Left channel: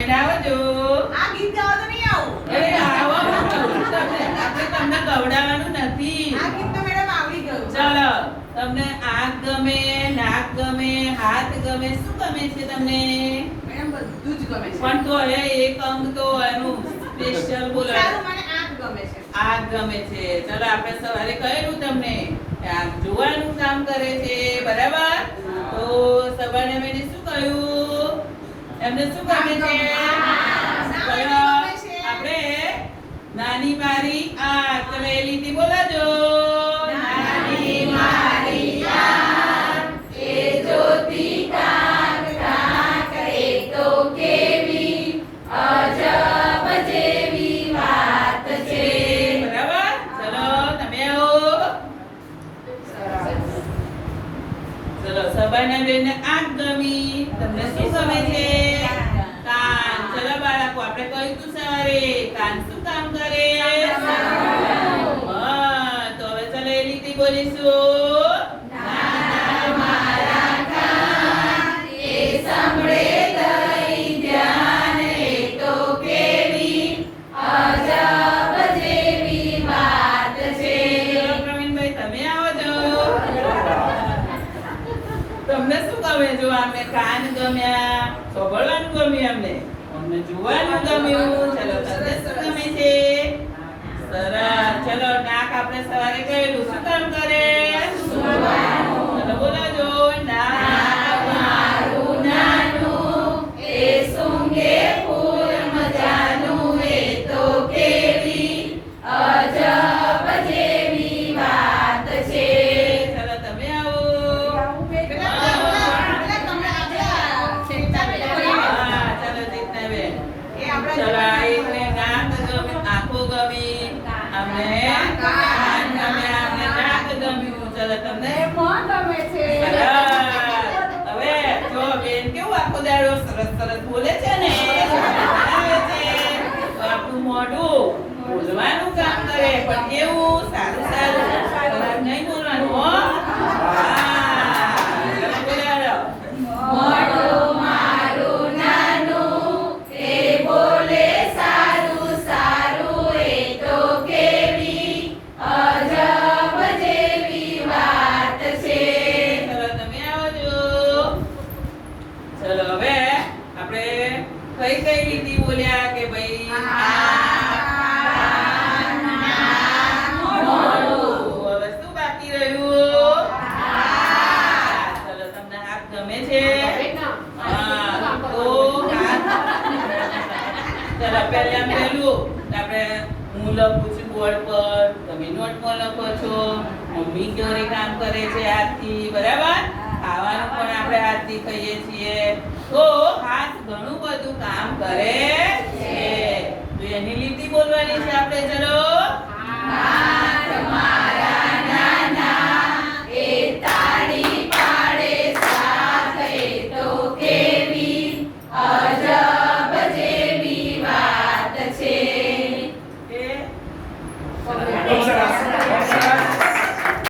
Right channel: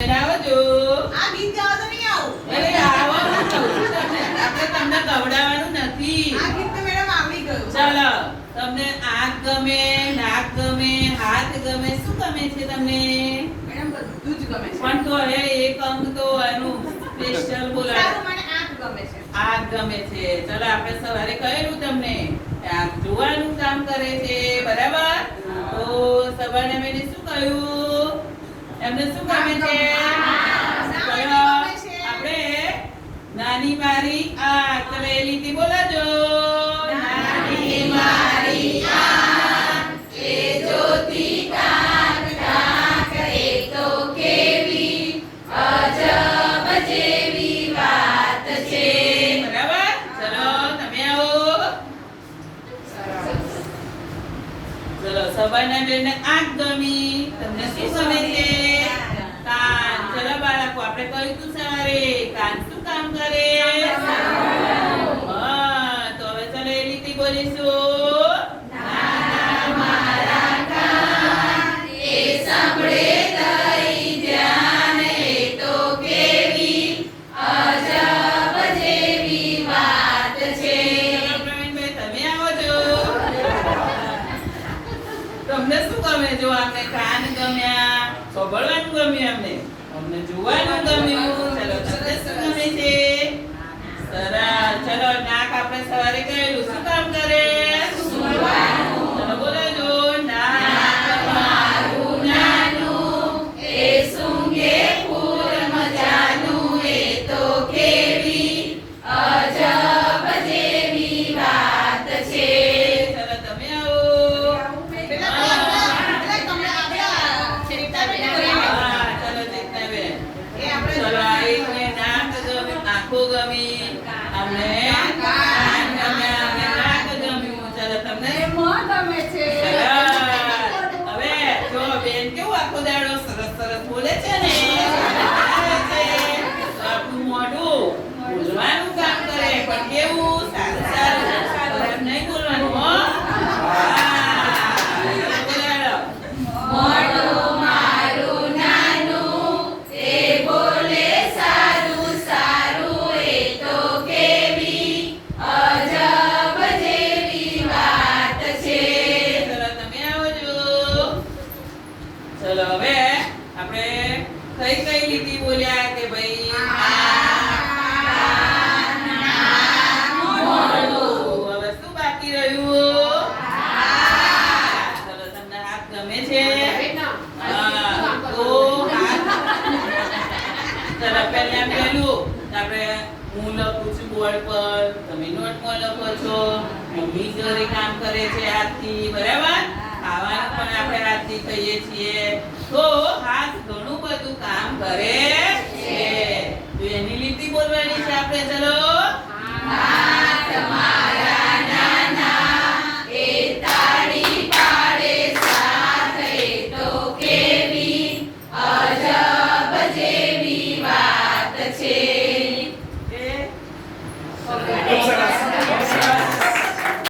આવજો. આ ગીત ગાવા તો નહીં આવું. અરે આવો, હું કહું છું તમને. આપણે તમને ગવડાવવાનું નથી. આ ગીત તો મેડમ આવડી ગયું. ચાલો, તમને આંખ ગમે, નાક ગમે, હાથ ગમે, શું ગમે છે તમને? મેડમ બધું જ ગમે છે. પણ તો હવે એક અંગ તો એનું સ્પેશિયલ બોલાવો. સારું, મને આંખ ગમે છે. આંખ ગમે છે. ચાલો, આપણે સવારે કહેલું તમને કે આંખ જોવાનું કામ કરે છે, બરાબર? તો સવારે મેં શું કહ્યું? એમને શું ગમે છે? ચાલો, આપણે નાની મારી આંખ, ચલો એ લીટી બોલાજો. નાની મારી આંખ, એ જોતી કાંક કાંક, એ તો કેવી અજબ જેવી વાત છે. બરાબર? ચલો, તમે આવો. ચલો, સવારના બેનને આંખ ગમી. તમને શું ગમે છે? કાન. ચલો બાળકો, આપણે કહ્યું તું સવારે કાન શું કામ કરે? હા, તો હવે ચલો એ લીટી બોલીશું. નાના મારા કાન, એ સાંભળે દઈ ધ્યાન, એ તો કેવી અજબ જેવી વાત છે. ચલો પ્રવીણભાઈ, તમે આવજો. તમને શું ગમે? જો અમને કાન ગમ્યા, સાંભળવાનું ગમ્યું, અમને જોવાનું ગમ્યું. ચલો, તમને શું ગમે છે? સરસ. ચલો, નાક આપણે સવારે કહેલું શું કામ કરે? સૂંઘવાનું. ચલો બોલાજો. નાક મારું નાનું, એ સૂંઘે ફૂલ મજાનું, એ તો કેવી અજબ જેવી વાત છે. ચલો, તમે આવો. ચલો, એકને નાક ગમે, આંખો ગમી, અમને કાન ગમ્યા, અમને નાક ગમ્યું. ચલો, તમને સરસ. હવે જો બેન કેવું આખો દાડો સરસ સરસ બોલે છે ને, આવે છે. તો આપણું મોઢું બોલવાનું કામ કરે, પણ કેવું સારું સારું, ખરાબ નહીં બોલવાનું હો. ચલો, બોલાડો. મોઢું મારું નાનું, એ બોલે સારું સારું, એ તો કેવી અજબ જેવી વાત છે. ચલો, તમે આવજો. ચલો, હવે આપણે કઈ કઈ લીટી બોલ્યા કે ભાઈ મોઢું. હવે શું બાકી રહ્યું? ચલો, તમને હાથ ગમે છે? હા, તો હાથ. ચલો, પહેલા પેલું આપણે હું લખું છું બોર્ડ પર, તમે નોટમાં લખો છો. મમ્મી ઘરે કામ કરે છે હાથથી, બરાબર? ખાવાનું પણ આપણે હાથથી ખાઈએ છીએ. તો હાથ ઘણું બધું કામ કરે છે. તો એની લીટી બોલવાની છે આપણે. ચલો,